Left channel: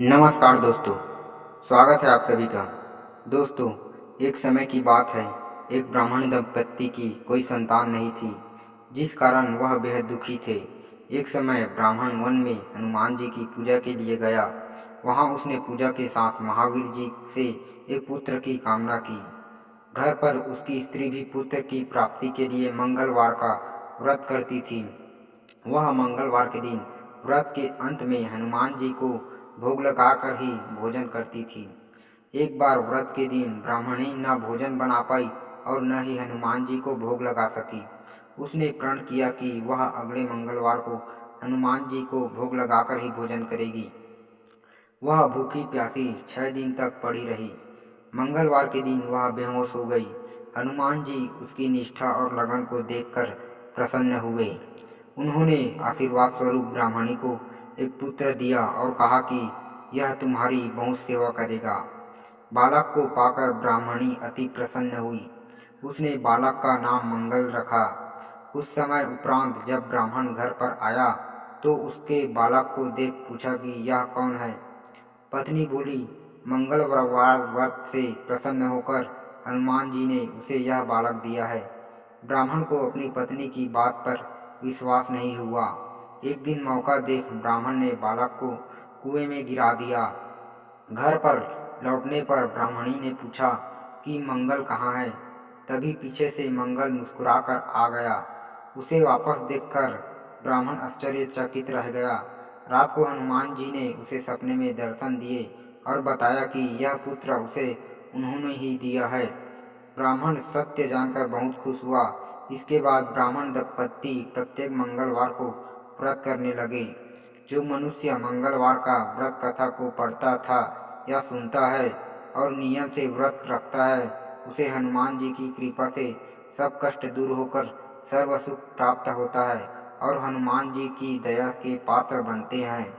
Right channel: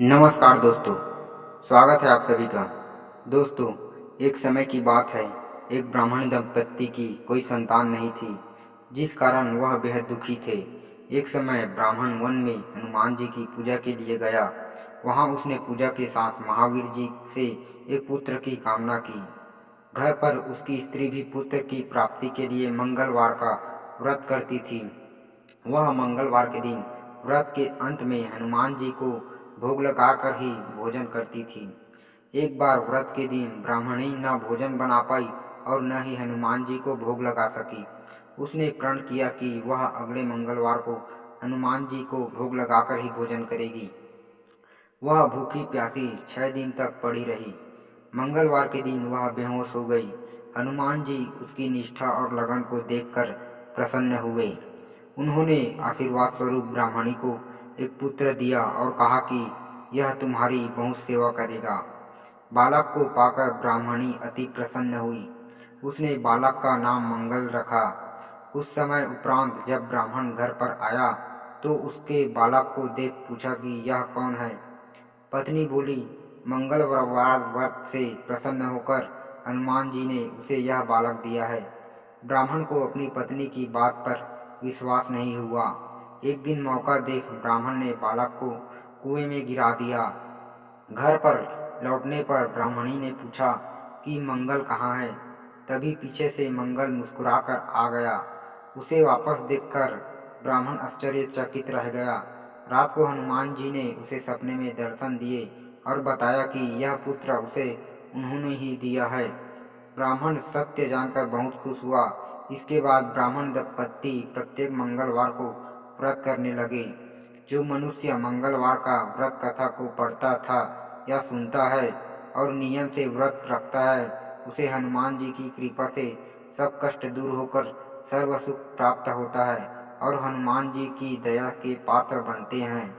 नमस्कार दोस्तों, स्वागत है आप सभी का। दोस्तों, एक समय की बात है। एक ब्राह्मण दंपत्ति की कोई संतान नहीं थी, जिस कारण वह बेहद दुखी थे। एक समय ब्राह्मण वन में हनुमान जी की पूजा के लिए गया। वहां उसने पूजा के साथ महावीर जी से एक पुत्र की कामना की। घर पर उसकी स्त्री भी पुत्र की प्राप्ति के लिए मंगलवार का व्रत करती थी। वह मंगलवार के दिन व्रत के अंत में हनुमान जी को भोग लगाकर ही भोजन करती थी। एक बार व्रत के दिन ब्राह्मणी न भोजन बना पाई और न ही हनुमान जी को भोग लगा सकी। उसने प्रण किया कि वह अगले मंगलवार को हनुमान जी को भोग लगाकर ही भोजन करेगी। वह भूखी प्यासी 6 दिन तक पड़ी रही। मंगलवार के दिन वह बेहोश हो गई। हनुमान जी उसकी निष्ठा और लगन को देखकर प्रसन्न हुए। उन्होंने आशीर्वाद स्वरूप ब्राह्मणी को एक पुत्र दिया और कहा कि यह तुम्हारी बहुत सेवा करेगा। बालक को पाकर ब्राह्मणी अति प्रसन्न हुई। उसने बालक का नाम मंगल रखा। कुछ समय उपरांत जब ब्राह्मण घर पर आया तो उसके बालक को देख पूछा कि यह कौन है। पत्नी बोली, मंगलवार व्रत से प्रसन्न होकर हनुमान जी ने उसे यह बालक दिया है। ब्राह्मण को अपनी पत्नी की बात पर विश्वास नहीं हुआ। एक दिन मौका देख ब्राह्मण ने बालक को कुएं में गिरा दिया। घर पर लौटने पर ब्राह्मणी ने पूछा कि मंगल कहाँ है। तभी पीछे से मंगल मुस्कुराकर आ गया। उसे वापस देखकर ब्राह्मण आश्चर्यचकित रह गया। रात को हनुमान जी ने उसे सपने में दर्शन दिए और बताया कि यह पुत्र उसे उन्होंने ही दिया है। ब्राह्मण सत्य जानकर बहुत खुश हुआ। इसके बाद ब्राह्मण दंपत्ति प्रत्येक मंगलवार को व्रत करने लगे। जो मनुष्य मंगलवार का व्रत कथा को पढ़ता था या सुनता है और नियम से व्रत रखता है, उसे हनुमान जी की कृपा से सब कष्ट दूर होकर सर्व सुख प्राप्त होता है और हनुमान जी की दया के पात्र बनते हैं।